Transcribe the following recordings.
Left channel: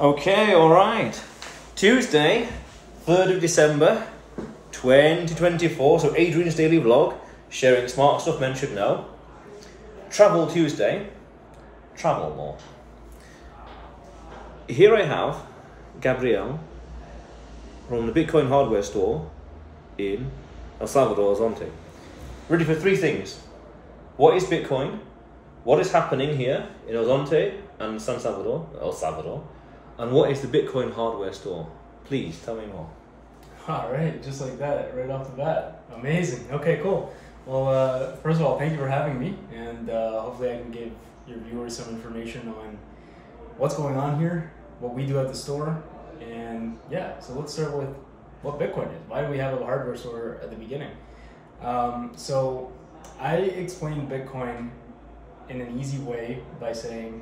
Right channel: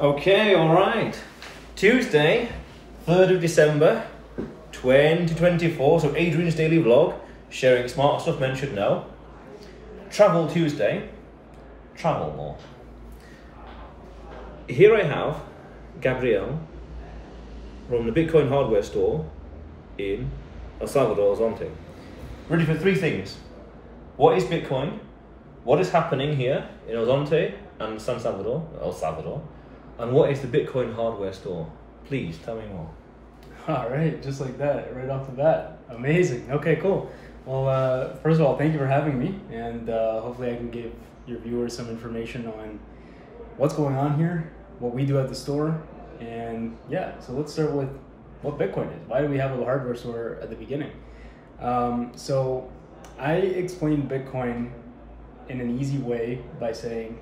Okay, alright. Tuesday, 3rd of December, 2024. So Adrian's daily vlog, sharing smart stuff men should know. Travel Tuesday. Travel more. Here I have Gabrielle from the Bitcoin hardware store in El Salvador, Zonte. Ready for three things. What is Bitcoin? What is happening here in El Zonte and El Salvador? And what is the Bitcoin hardware store? Please tell me more. All right, just like that, right off the bat. Amazing. Okay, cool. Well, first of all, thank you for having me, and hopefully I can give your viewers some information on what's going on here, what we do at the store, and yeah, so let's start with what Bitcoin is. Why do we have a hardware store at the beginning? So I explained Bitcoin in an easy way by saying,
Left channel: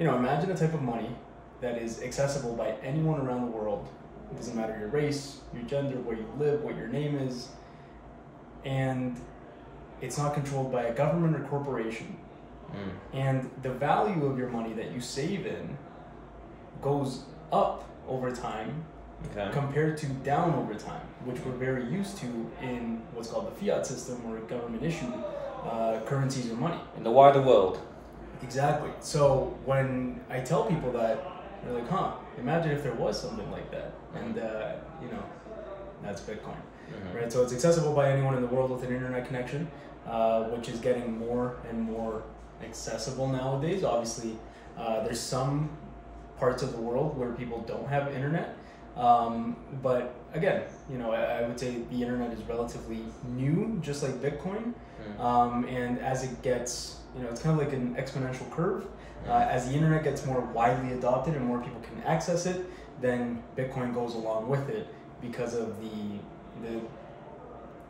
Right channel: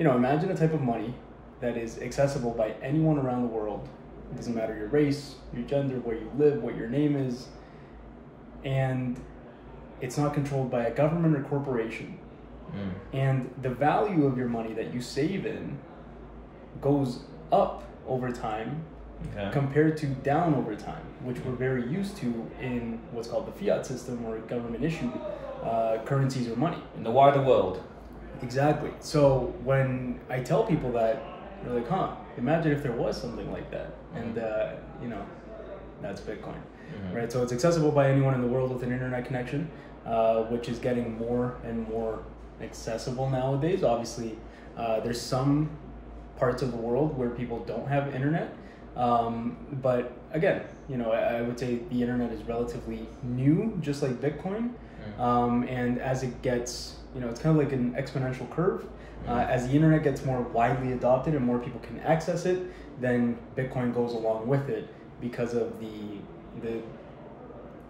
imagine a type of money that is accessible by anyone around the world. It doesn't matter your race, your gender, where you live, what your name is, and it's not controlled by a government or corporation. And the value of your money that you save in goes up over time compared to down over time, which we're very used to in what's called the fiat system, or government issued currencies or money. In the wider world. Exactly. So when I tell people that, they're like, imagine if there was something like that. And, that's Bitcoin. Right? So it's accessible by anyone in the world with an internet connection, which is getting more and more accessible nowadays. Obviously, there's some parts of the world where people don't have internet. But again, I would say the internet is relatively new, just like Bitcoin. And as it gets, it's kind of like an exponential curve. As the internet gets more widely adopted and more people can access it, then Bitcoin goes along with it because of the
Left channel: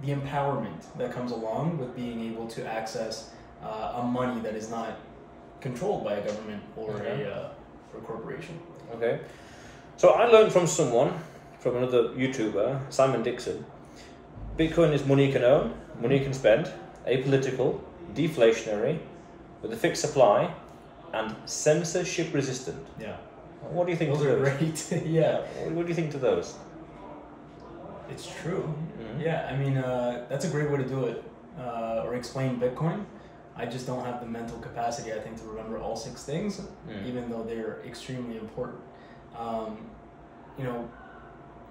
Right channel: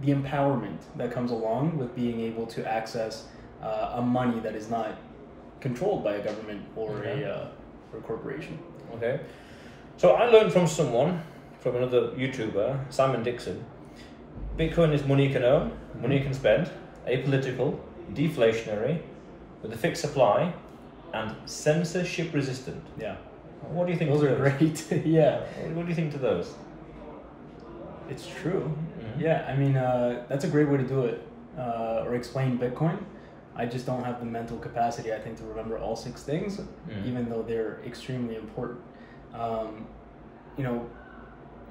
empowerment that comes along with being able to access a money that is not controlled by a government or a corporation. Okay. So I learned from another YouTuber, Simon Dixon. Bitcoin is money you can own, money you can spend, apolitical, deflationary, with a fixed supply, and censorship resistant. Yeah. What do you think those to are those? Great. Yeah. What do you think to those? It's true. Yeah, I mean, that's a great way to do it, or explain Bitcoin. I just don't have the mental capacity, I think, to remember all six things, even though they're extremely important.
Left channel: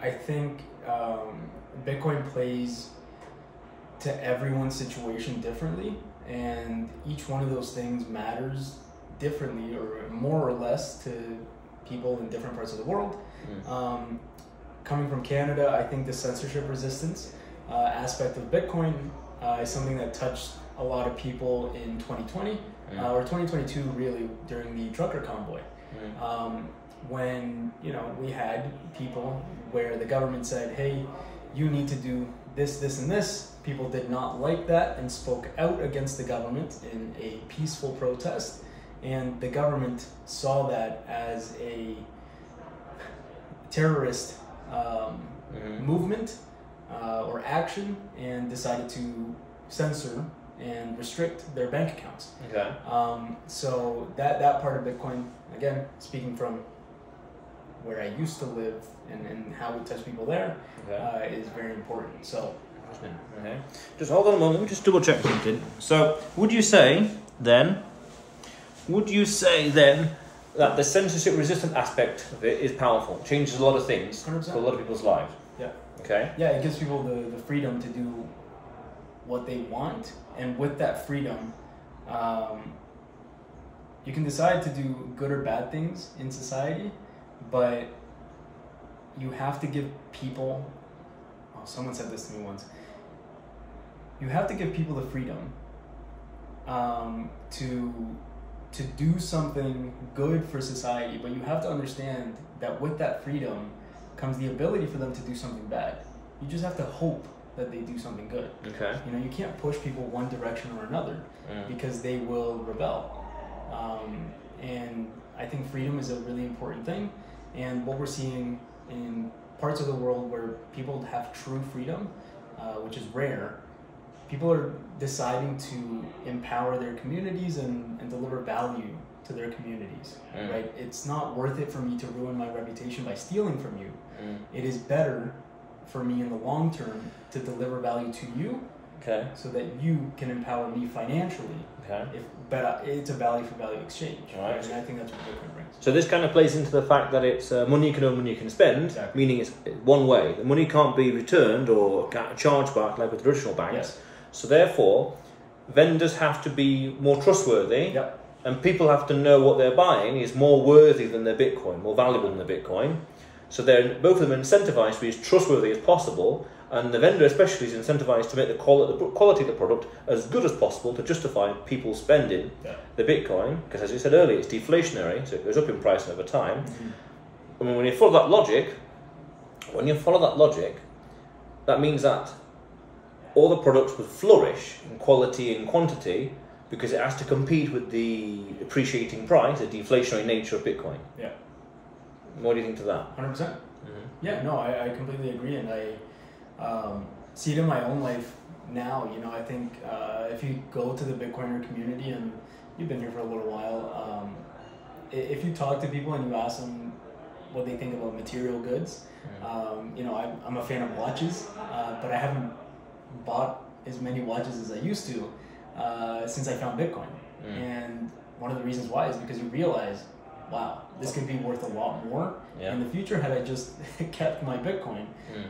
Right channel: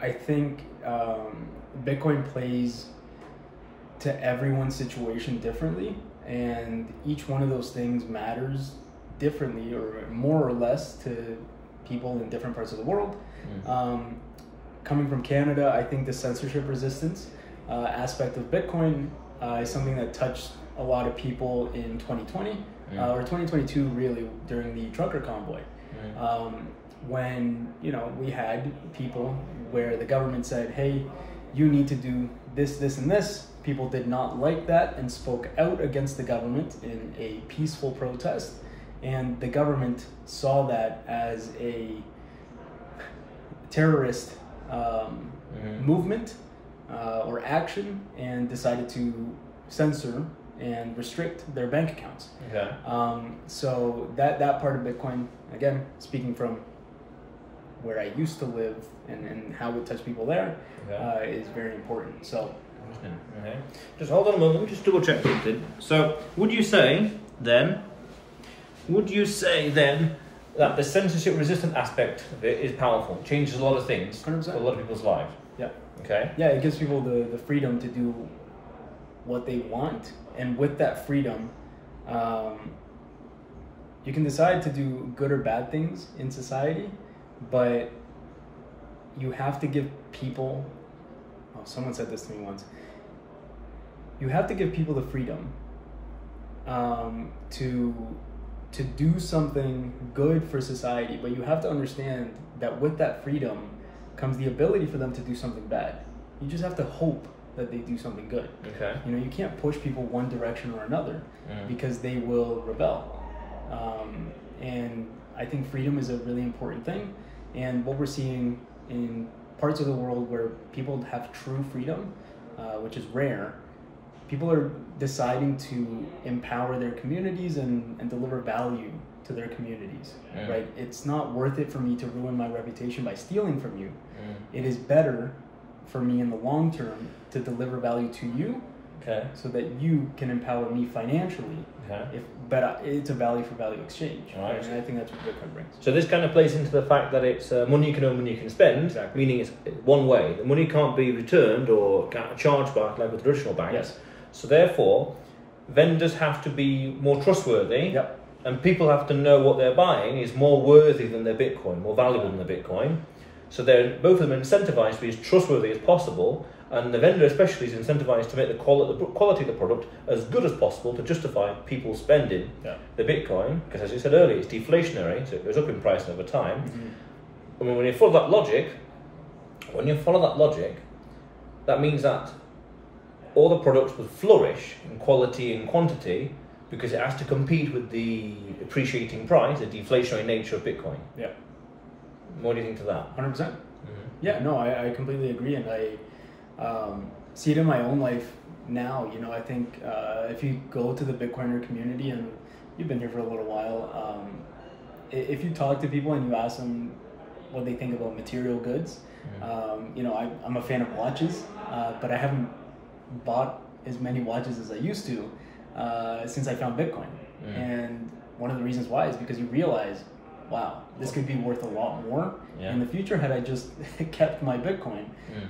I think Bitcoin plays to everyone's situation differently, and each one of those things matters differently, or more or less, to people in different parts of the world. Coming from Canada, I think the censorship resistance aspect of Bitcoin is something that touched a lot of people in 2020 or 2022, really, during the trucker convoy. When we had people where the government said, hey, you need to do this, this, and this. People did not like that and spoke out against the government in a peaceful protest. And the government saw that as a terrorist movement or action, and decided to censor and restrict their bank accounts. So that part of Bitcoin, again, speaking from where I used to live and how it touched people there, is very important. So, just hold on a moment, just double check something. So, would you say then that the censorship resistant aspect of it is powerful, changes a lot of things 100%. for a lot of people's lives? Yeah. Okay. Yeah, it gives people the freedom to do what they want, and with that freedom, you can decide to do good or bad things in society, but you have to give people, someone said this to me once, you have to give people the freedom to do something good for society, but you have to understand that with that freedom comes the ability for them to do something bad. You just have to hope that they do something good. Okay. You can't push people one direction or another because they will rebel. And I think freedom is a really important thing. And what we're seeing in parts of the world where people have true freedom, which is rare, people are deciding to empower their communities and deliver value to their communities, right? It's not worth it for me to ruin my reputation by stealing from you. It is better for me in the long term to deliver value to you, so that you can empower me financially. But it's a value for value exchange, right? And I think that's what Bitcoin brings. So this kind of plays into the fact that it's money you can earn, money you can spend, meaning it's one way. The money can't be returned or charged back like with traditional banks. So therefore, vendors have to be more trustworthy, and people have to know what they're buying is more worthy than their Bitcoin, more valuable than their Bitcoin. So they're both of them incentivized to be as trustworthy as possible, and the vendor especially is incentivized to make the quality of the product as good as possible to justify people spending the Bitcoin, because as you said earlier, it's deflationary, so it goes up in price over time. And when you follow that logic, that means that all the products would flourish in quality and quantity because it has to compete with the appreciating price, the deflationary nature of Bitcoin. What do you think to that? 100%. Yeah, no, I completely agree, and I see it in my own life now. You know, I think if you go to the Bitcoiner community, and you've been here for a little while, if you talk to people and you ask them what they think about material goods, you know, I'm a fan of watches, but I haven't bought as many watches as I used to since I found Bitcoin. And one of the reasons why is because you realize, wow, this could be worth a lot more in the future had I just kept my Bitcoin.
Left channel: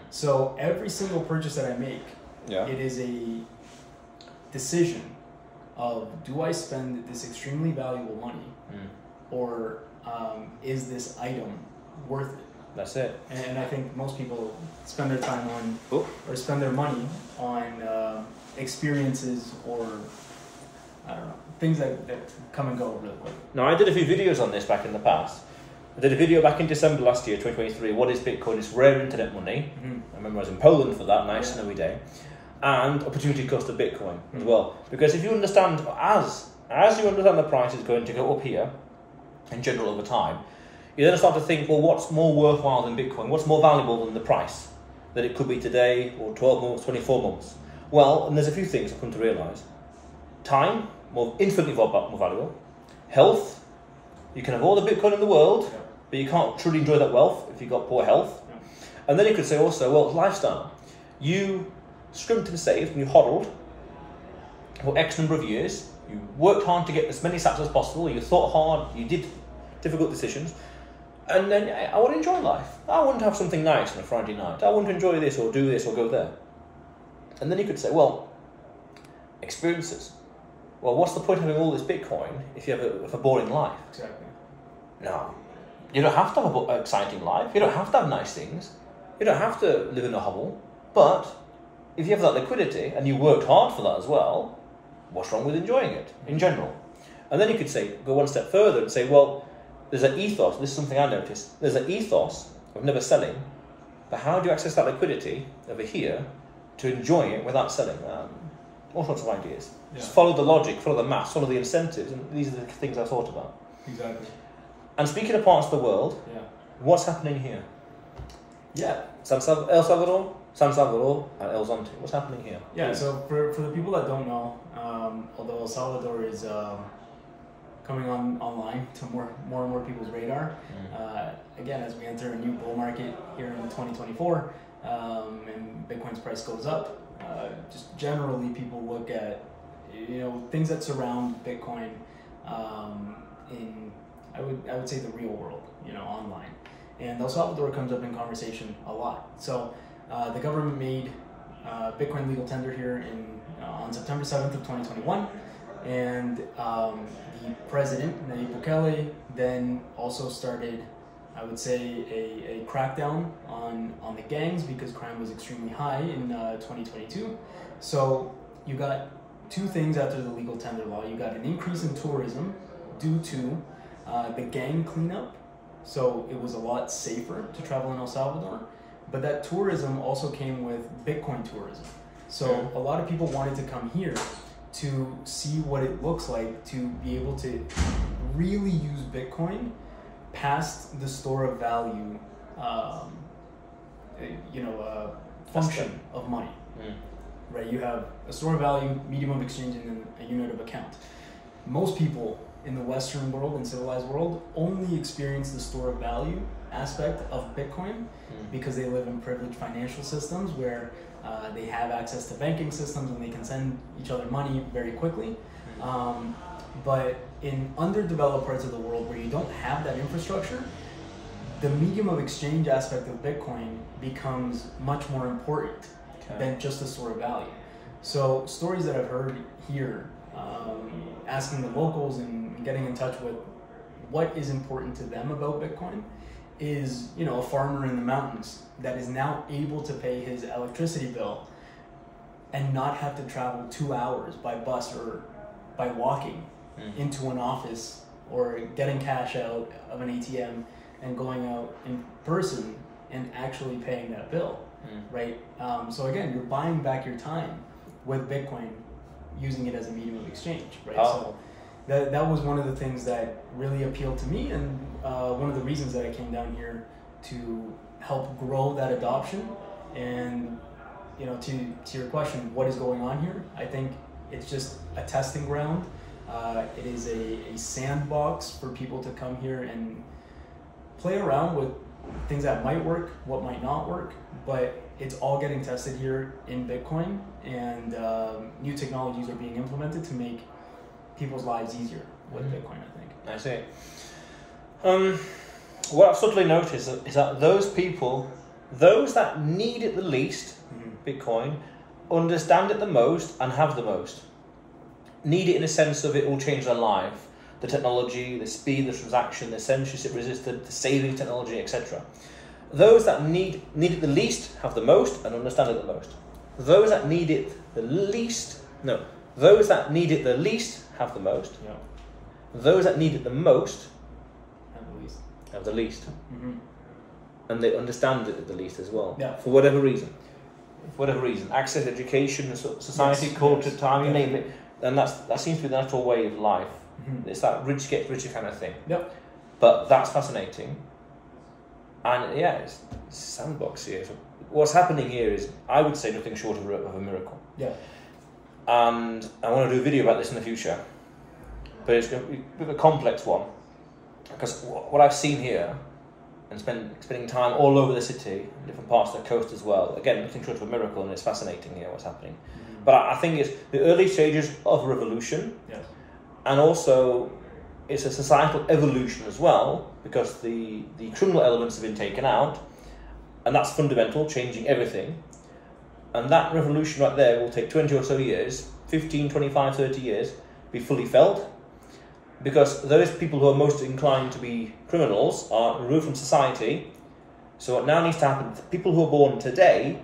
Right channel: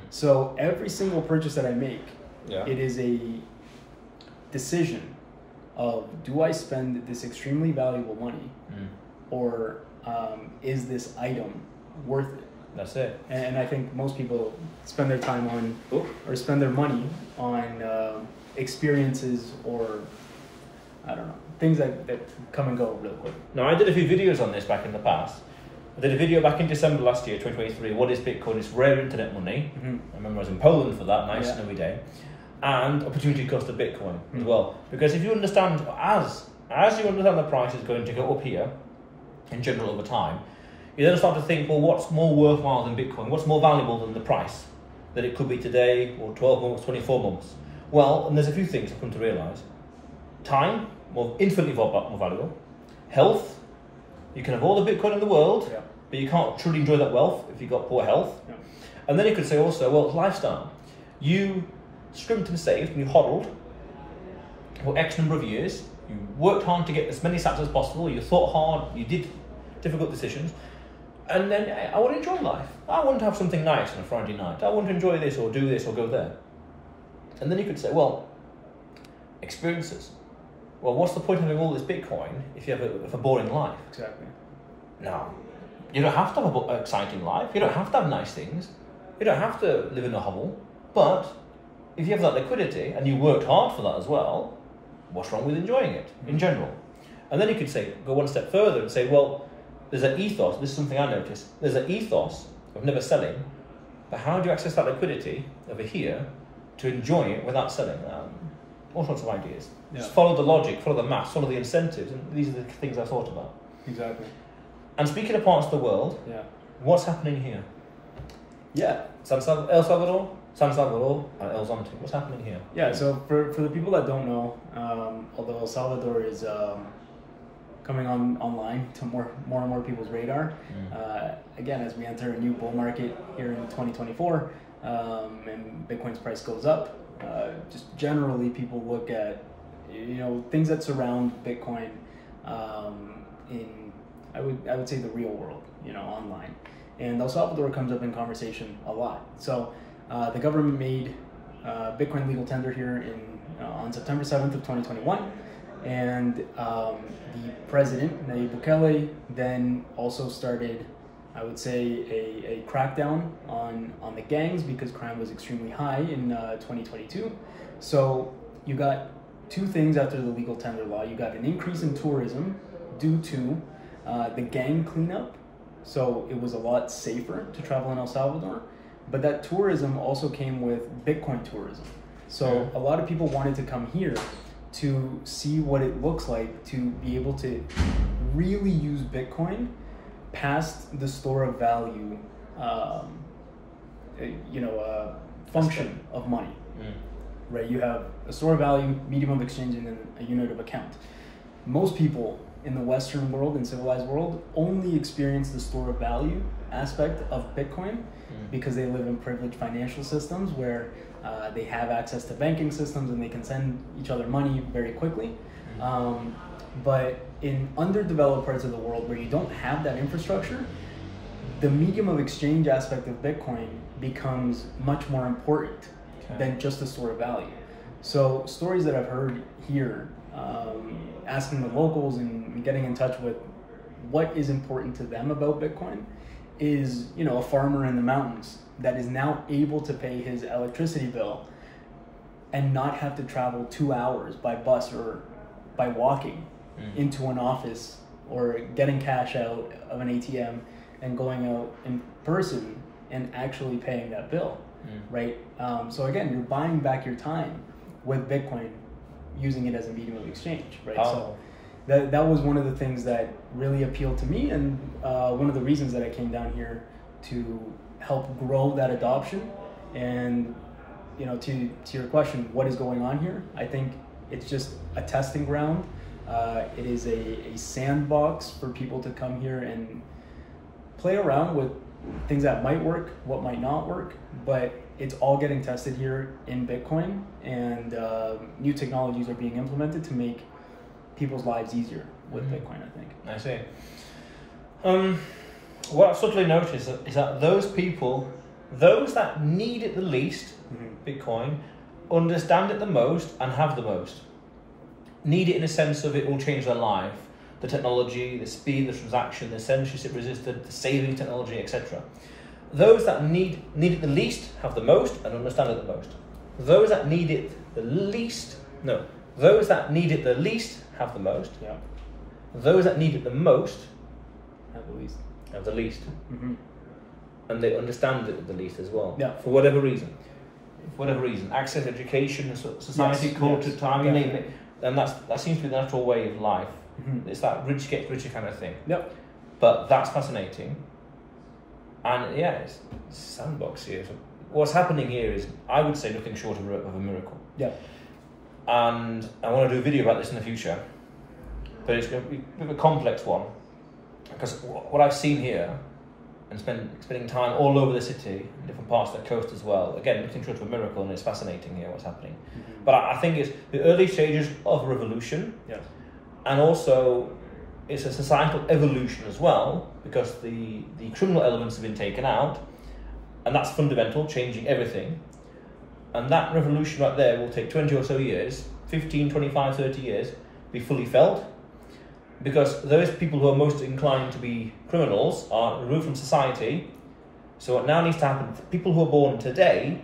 So every single purchase that I make, it is a decision of, do I spend this extremely valuable money or is this item worth it? That's it. And I think most people spend their time on, or spend their money on experiences or, I don't know, things that come and go really quick. Now, I did a few videos on this back in the past. I did a video back in December last year, 2023, what is Bitcoin? It's rare internet money. I remember I was in Poland for that nice snowy day. And opportunity cost of Bitcoin as well. Because if you understand, as you understand the price is going to go up here, in general over time, you then start to think, well, what's more worthwhile than Bitcoin? What's more valuable than the price that it could be today, or 12 months, 24 months? Well, and there's a few things I've come to realise. Time, infinitely more valuable. Health, you can have all the Bitcoin in the world, but you can't truly enjoy that wealth if you've got poor health. And then you could say also, well, lifestyle. You scrimped and saved and you hodled for X number of years. You worked hard to get as many sats as possible. You thought hard. You did difficult decisions. And then I want to enjoy life. I want to have something nice on a Friday night. I want to enjoy this or do this or go there. And then you could say, well, experiences. Well, what's the point of having all this Bitcoin if you have a boring life? Exactly. No. You don't have to have an exciting life. You don't have to have nice things. You don't have to live in a hovel. But if you have that liquidity and you worked hard for that as well, what's wrong with enjoying it in general? And then you could say, go one step further and say, well, there's an ethos. This is something I noticed. There's an ethos of never selling. But how do you access that liquidity over here to enjoy it without selling? All sorts of ideas. Just follow the logic, follow the maths, follow the incentives, and these are the things I thought about. Exactly. And speaking of parts of the world, what's happening here? El Salvador, San Salvador, and El Zonte. What's happening here? Yeah, so for the people that don't know, although El Salvador is coming online to more and more people's radar, again, as we enter a new bull market here in 2024, and Bitcoin's price goes up, just generally people look at, you know, things that surround Bitcoin in, I would say, the real world, you know, online. And El Salvador comes up in conversation a lot. So the government made Bitcoin legal tender here on September 7th of 2021. And the president, Nayib Bukele, then also started, I would say, a crackdown on the gangs because crime was extremely high in 2022. So you got two things after the legal tender law. You got an increase in tourism due to the gang cleanup. So it was a lot safer to travel in El Salvador. But that tourism also came with Bitcoin tourism. So a lot of people wanted to come here to see what it looks like to be able to really use Bitcoin past the store of value, function of money. Right? You have a store of value, medium of exchange, and then a unit of account. Most people in the Western world and civilized world only experience the store of value aspect of Bitcoin because they live in privileged financial systems where they have access to banking systems and they can send each other money very quickly. But in underdeveloped parts of the world where you don't have that infrastructure, the medium of exchange aspect of Bitcoin becomes much more important than just a store of value. So stories that I've heard here, asking the locals and getting in touch with what is important to them about Bitcoin is, you know, a farmer in the mountains that is now able to pay his electricity bill and not have to travel 2 hours by bus or by walking into an office or getting cash out of an ATM and going out in person and actually paying that bill, right? So again, you're buying back your time with Bitcoin, using it as a medium of exchange, right? So that was one of the things that really appealed to me, and one of the reasons that I came down here to help grow that adoption. And you know, to your question, what is going on here? I think it's just a testing ground. It is a sandbox for people to come here and play around with things that might work, what might not work, but it's all getting tested here in Bitcoin, and new technologies are being implemented to make people's lives easier with Bitcoin, I think. I see. What I've subtly noticed is that those people, those that need it the least, Bitcoin, understand it the most and have the most. Need it in a sense of it will change their life. The technology, the speed, the transaction, the censorship resistant, the saving technology, etc. Those that need it the least have the most and understand it the most. Those that need it the least, those that need it the least have the most. Yeah. Those that need it the most have the least. And they understand it the least as well. Yeah. For whatever reason. Access, education, society, culture, time, you name it. And that seems to be the natural way of life. It's that rich gets richer kind of thing. Yep. But that's fascinating. And yeah, it's a sandbox here. So what's happening here is, I would say, nothing short of a miracle. Yeah. And I want to do a video about this in the future. But it's going to be a bit of a complex one. Because what I've seen here, and spending time all over the city, different parts of the coast as well, again, nothing short of a miracle, and it's fascinating here what's happening. But I think it's the early stages of a revolution. Yes. And also, it's a societal evolution as well, because the criminal elements have been taken out, and that's fundamental, changing everything. And that revolution right there will take 20 or so years, 15, 25, 30 years, be fully felt, because those people who are most inclined to be criminals are removed from society. So what now needs to happen, people who are born today,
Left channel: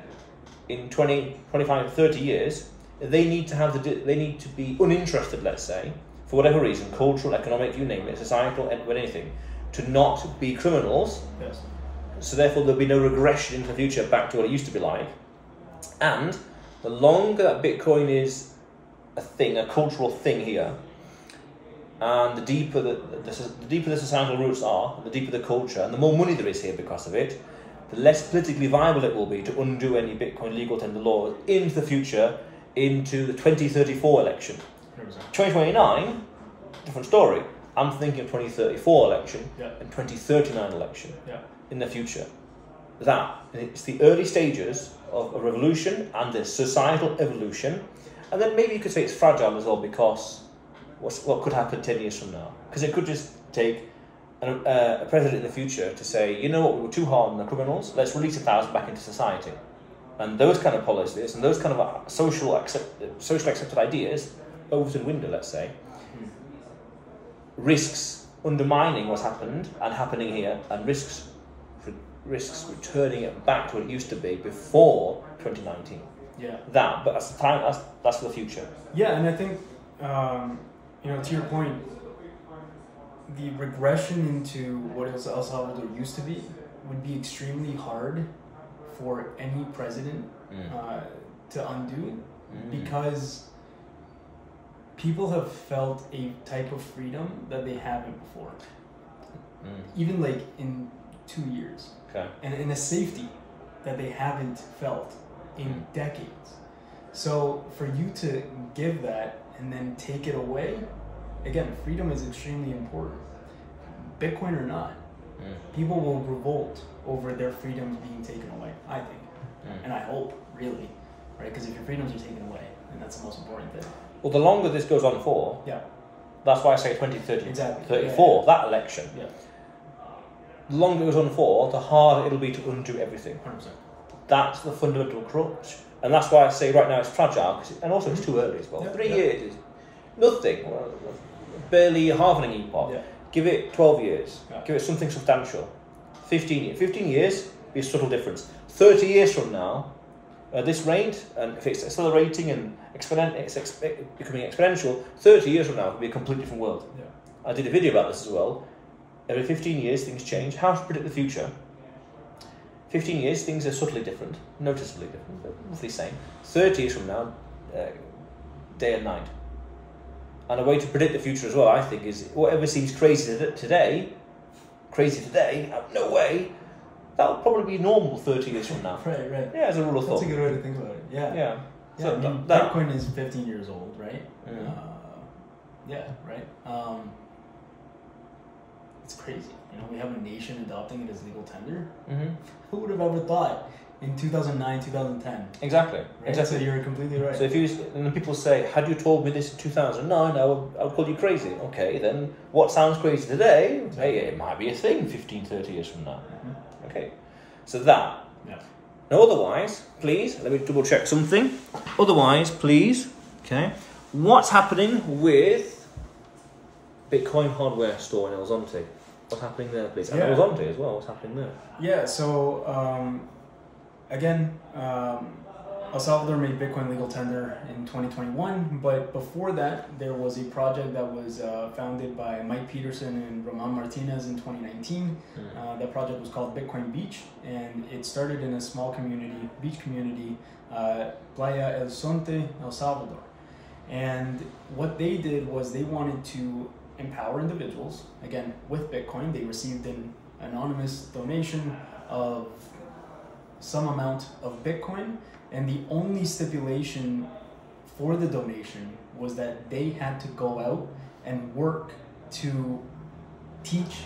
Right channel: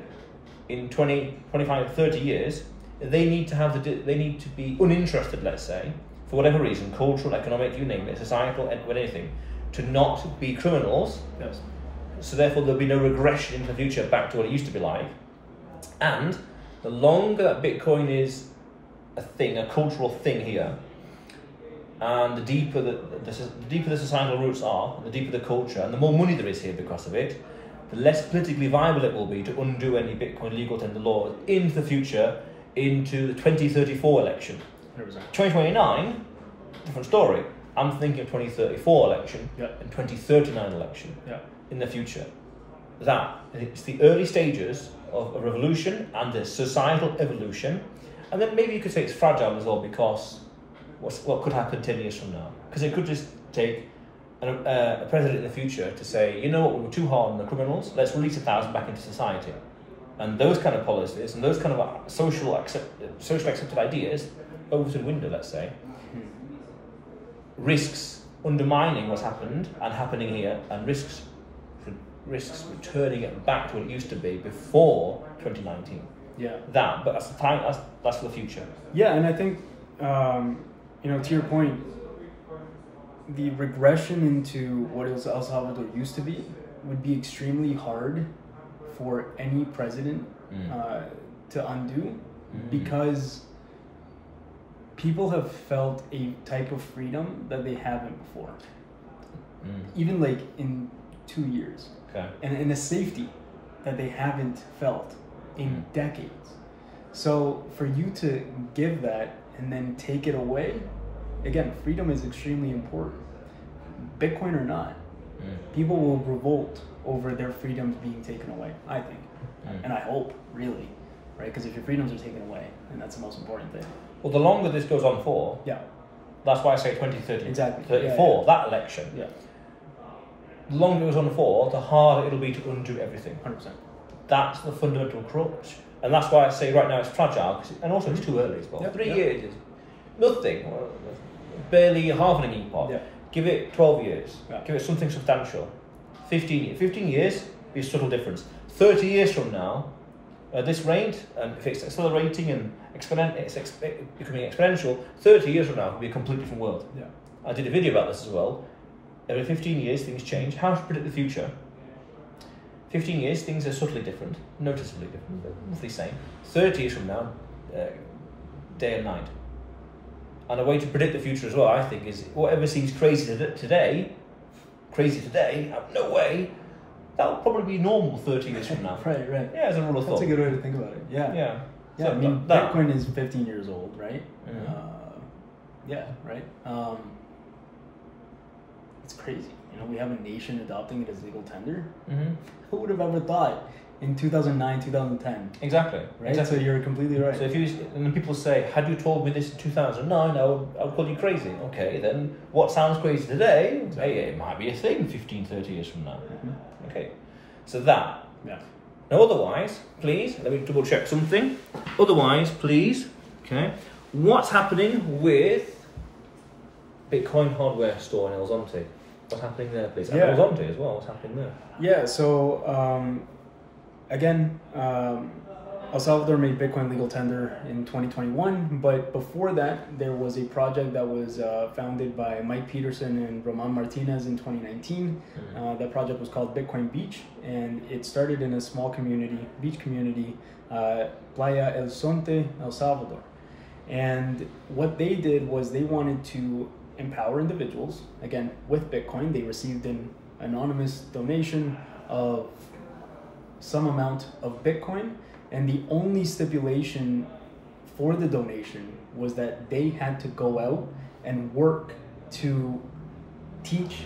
in 20, 25, 30 years, they need to be uninterested, let's say, for whatever reason, cultural, economic, you name it, societal, anything, to not be criminals. Yes. So therefore there'll be no regression into the future back to what it used to be like. And the longer that Bitcoin is a thing, a cultural thing here, and the deeper the societal roots are, the deeper the culture, and the more money there is here because of it, the less politically viable it will be to undo any Bitcoin legal tender laws into the future, into the 2034 election. 2029, different story. I'm thinking 2034 election and 2039 election in the future. That it's the early stages of a revolution and the societal evolution, and then maybe you could say it's fragile as well, because what could happen 10 years from now? Because it could just take a president in the future to say, you know what, we were too hard on the criminals, let's release 1,000 back into society. And those kind of policies and those kind of socially accepted ideas over to the window, let's say, risks undermining what's happened and happening here, and risks returning it back to what it used to be before 2019. Yeah. But that's the time. That's for the future. Yeah, and I think to your point, the regression into what El Salvador used to be would be extremely hard for any president to undo, because people have felt a type of freedom that they haven't before, even like in 2 years, and in a safety that they haven't felt in decades. So for you to give that and then take it away again, freedom is extremely important. Bitcoin or not, people will revolt over their freedoms being taken away, I think. And I hope, really, right? Because if your freedoms are taken away, then that's the most important thing. Well, the longer this goes on for, that's why I say 2030, exactly. 34, that election. The longer it goes on for, the harder it'll be to undo everything. 100%. That's the fundamental crux. And that's why I say right now it's fragile, and also it's too early as well. 3 years is nothing, barely half an epoch. Give it 12 years, give it something substantial. 15 years. 15 years, be a subtle difference. 30 years from now, this rate, and if it's accelerating and becoming exponential, 30 years from now, it'll be a completely different world. I did a video about this as well. Every 15 years, things change. How to predict the future? 15 years, things are subtly different, noticeably different, but roughly the same. 30 years from now, day and night. And a way to predict the future as well, I think, is whatever seems crazy today, no way, that will probably be normal 30 years from now. Right. Yeah, as a rule of thumb. That's a good way to think about it. Yeah. So I mean, Bitcoin is 15 years old, right? Right. It's crazy. We have a nation adopting it as legal tender. Who would have ever thought in 2009, 2010? Exactly. Right? So you're completely right. So when people say, had you told me this in 2009, I would call you crazy. Okay, then what sounds crazy today, it might be a thing 15, 30 years from now. Okay, so that. Now otherwise, please, let me double check something. Otherwise, please, okay, what's happening with Bitcoin hardware store in El Zonte? What's happening there, please? And El Zonte as well, what's happening there? Yeah, so again, El Salvador made Bitcoin legal tender in 2021, but before that, there was a project that was founded by Mike Peterson and Roman Martinez in 2019. That project was called Bitcoin Beach, and it started in a small beach community, Playa El Zonte, El Salvador. And what they did was they wanted to empower individuals. Again, with Bitcoin, they received an anonymous donation of some amount of Bitcoin, and the only stipulation for the donation was that they had to go out and work to teach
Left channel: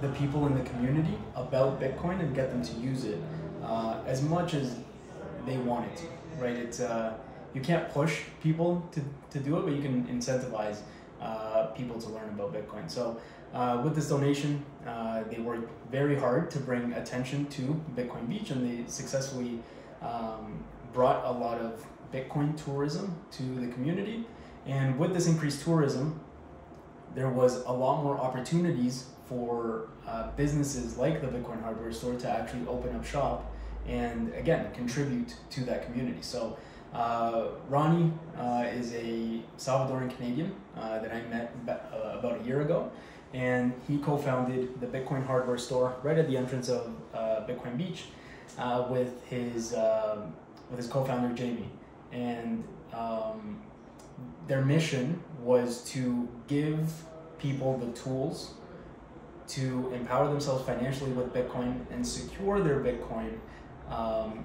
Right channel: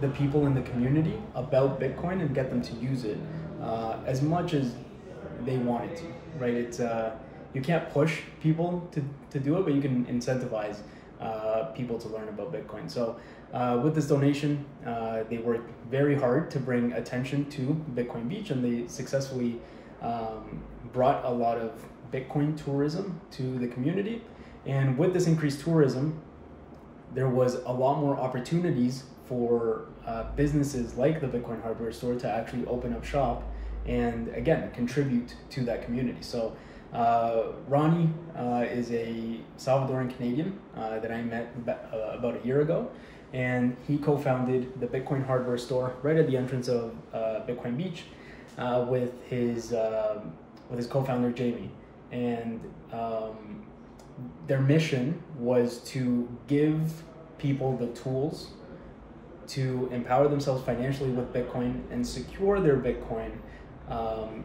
the people in the community about Bitcoin and get them to use it as much as they wanted to, right? It's you can't push people to do it, but you can incentivize people to learn about Bitcoin. So with this donation, they worked very hard to bring attention to Bitcoin Beach, and they successfully brought a lot of Bitcoin tourism to the community. And with this increased tourism, there was a lot more opportunities for businesses like the Bitcoin hardware store to actually open up shop and, again, contribute to that community. So Ronnie is a Salvadoran Canadian that I met about a year ago, and he co-founded the Bitcoin hardware store right at the entrance of Bitcoin Beach with his co-founder Jamie. And their mission was to give people the tools to empower themselves financially with Bitcoin and secure their Bitcoin,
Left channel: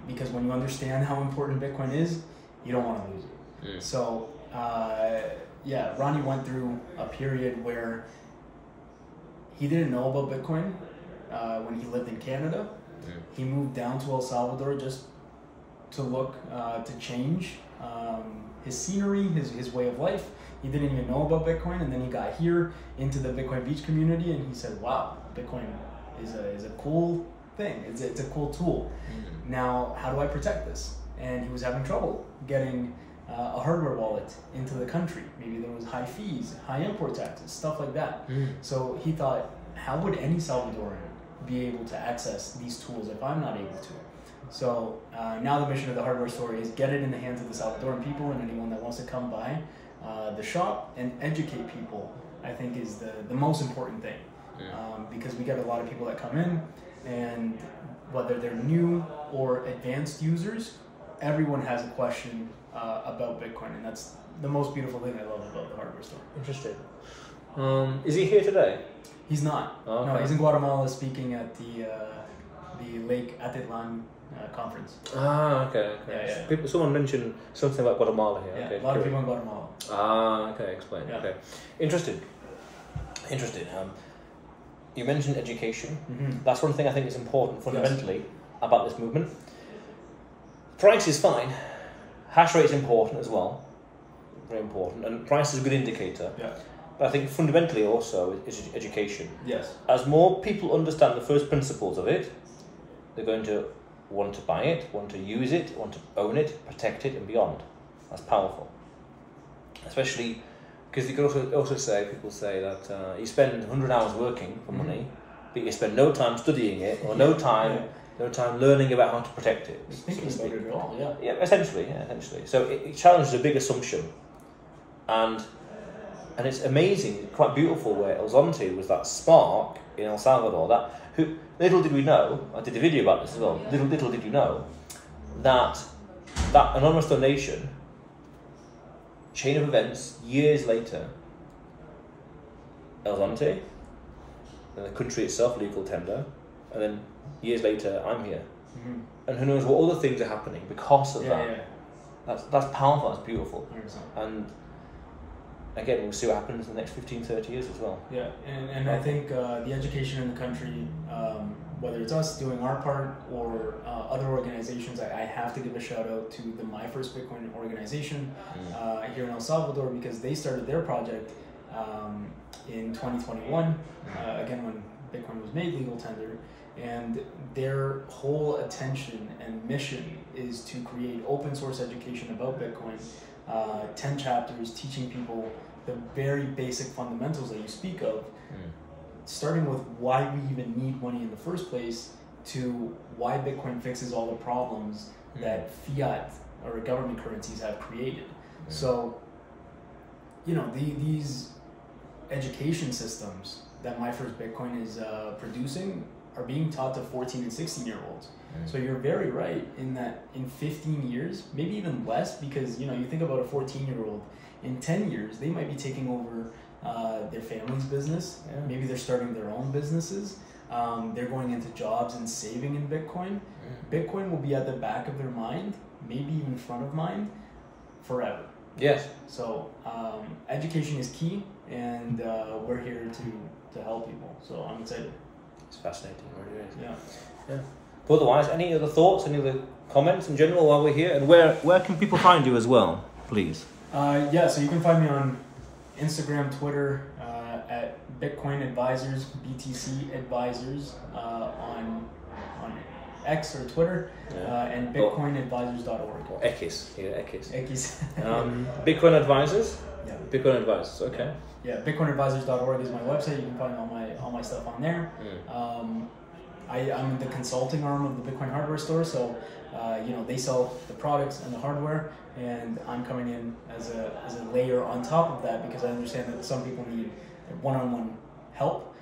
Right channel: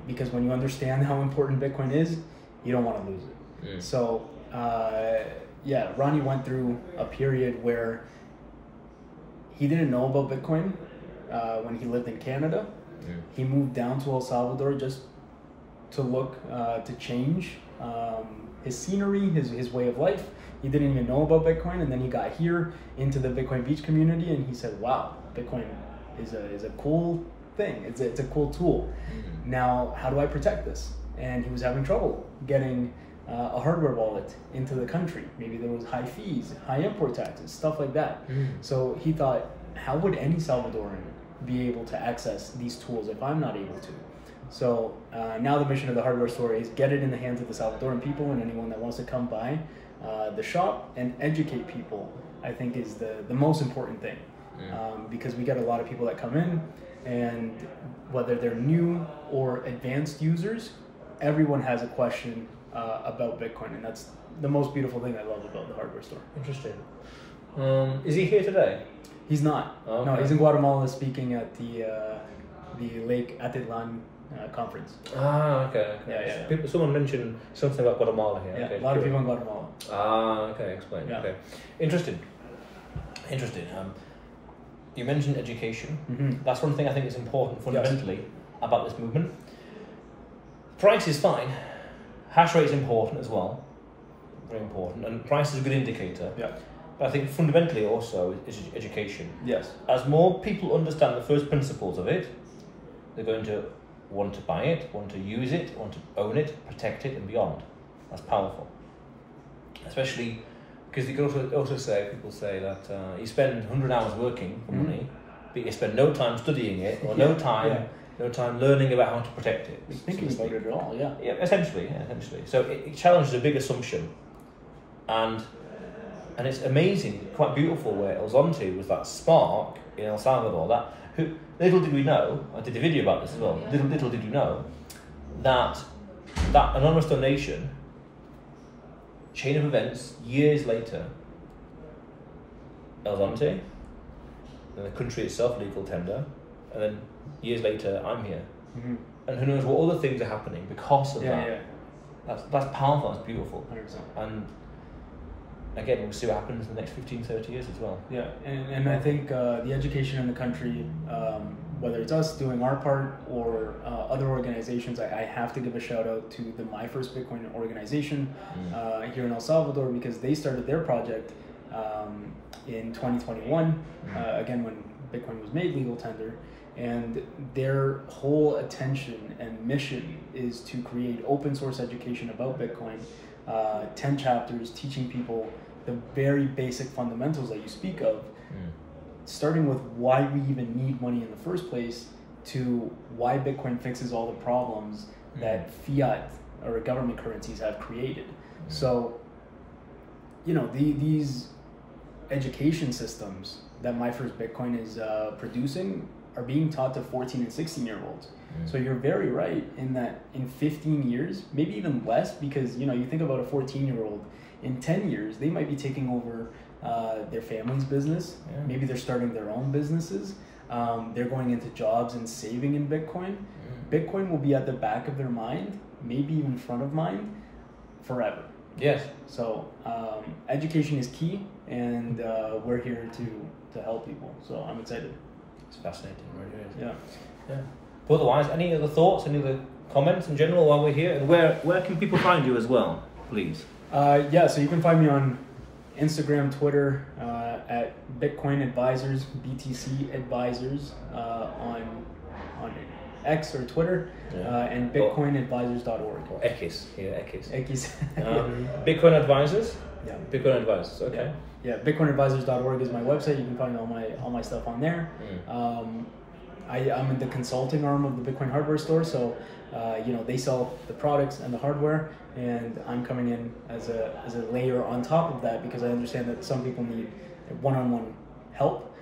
because when you understand how important Bitcoin is, you don't want to lose it. So Ronnie went through a period where he didn't know about Bitcoin when he lived in Canada. He moved down to El Salvador just to look to change his scenery, his way of life. He didn't even know about Bitcoin, and then he got here into the Bitcoin Beach community, and he said, wow, Bitcoin is a cool thing. It's a cool tool. Now, how do I protect this? And he was having trouble getting a hardware wallet into the country. Maybe there was high fees, high import taxes, stuff like that. So he thought, how would any Salvadoran be able to access these tools if I'm not able to? So now the mission of the hardware store is get it in the hands of the Salvadoran people, and anyone that wants to come by the shop and educate people, I think, is the most important thing. Because we get a lot of people that come in, and whether they're new or advanced users, everyone has a question about Bitcoin, and that's the most beautiful thing I love about the hardware store. Interesting. Is he here today? He's not. Oh, okay. No, he's in Guatemala speaking at the Lake Atitlan conference. Ah, okay. Someone mentioned something about Guatemala here. Yeah, okay, a lot of people in Guatemala. Ah, okay, explain. Yeah. Okay, interesting. You mentioned education. That's one thing I think is important fundamentally about this movement. Price is fine. Hash rate is important as well. Very important. And price is a good indicator. Yeah. But I think fundamentally also is education. Yes. As more people understand the first principles of it, they're going to want to buy it, want to use it, want to own it, protect it, and beyond. That's powerful. Especially because you can also say, people say that you spend 100 hours working for money, but you spend no time studying it, or no time learning about how to protect it. Thinking about it at all, Yeah, essentially. So it challenges a big assumption, and it's amazing, quite beautiful where El Zonte was that spark in El Salvador. Little did we know, I did a video about this as well, little did you know, that anonymous donation, chain of events, years later, El Zonte, the country itself, legal tender, and then years later, I'm here. And who knows what other things are happening because of that. Yeah. That's powerful, that's beautiful. 100%. And again, we'll see what happens in the next 15, 30 years as well. Yeah, and I think the education in the country, whether it's us doing our part or other organizations, I have to give a shout out to the My First Bitcoin organization here in El Salvador, because they started their project in 2021, again when Bitcoin was made legal tender, and their whole attention and mission is to create open source education about Bitcoin, 10 chapters teaching people the very basic fundamentals that you speak of, starting with why we even need money in the first place, to why Bitcoin fixes all the problems that fiat or government currencies have created. So, you know, these education systems that My First Bitcoin is producing are being taught to 14 and 16-year-olds. So you're very right in that in 15 years, maybe even less, because, you know, you think about a 14-year-old, in 10 years, they might be taking over their family's business. Yeah. Maybe they're starting their own businesses. They're going into jobs and saving in Bitcoin. Bitcoin will be at the back of their mind, maybe even front of mind, forever. Yes. So education is key, and we're here to help people. So I'm excited. It's fascinating, really is. Yeah. But otherwise, any other thoughts, any other comments in general while we're here? And where can people find you as well, please? So you can find me on Instagram, Twitter, at Bitcoin Advisors, BTC Advisors, on X or Twitter, and BitcoinAdvisors.org. Or X, X. X. Bitcoin Advisors? Yeah. Bitcoin Advisors, okay. Yeah, BitcoinAdvisors.org is my website. You can find all my stuff on there. I'm in the consulting arm of the Bitcoin hardware store, so they sell the products and the hardware, and I'm coming in as a layer on top of that, because I understand that some people need one-on-one help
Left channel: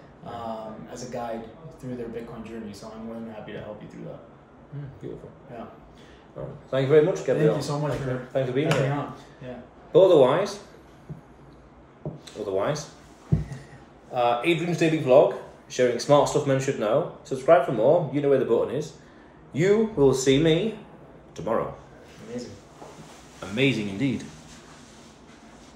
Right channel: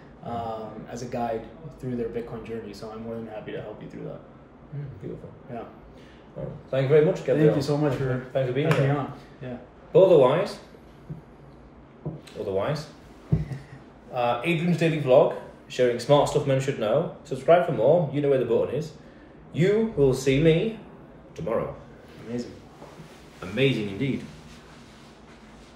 as a guide through their Bitcoin journey. So I'm more than happy to help you through that. Beautiful. Yeah. Well, thank you very much, Gabriel. Thank you so much thanks for being here. Yeah. But otherwise, Adrian's Daily Vlog, sharing smart stuff men should know. Subscribe for more. You know where the button is. You will see me tomorrow. Amazing. Amazing indeed.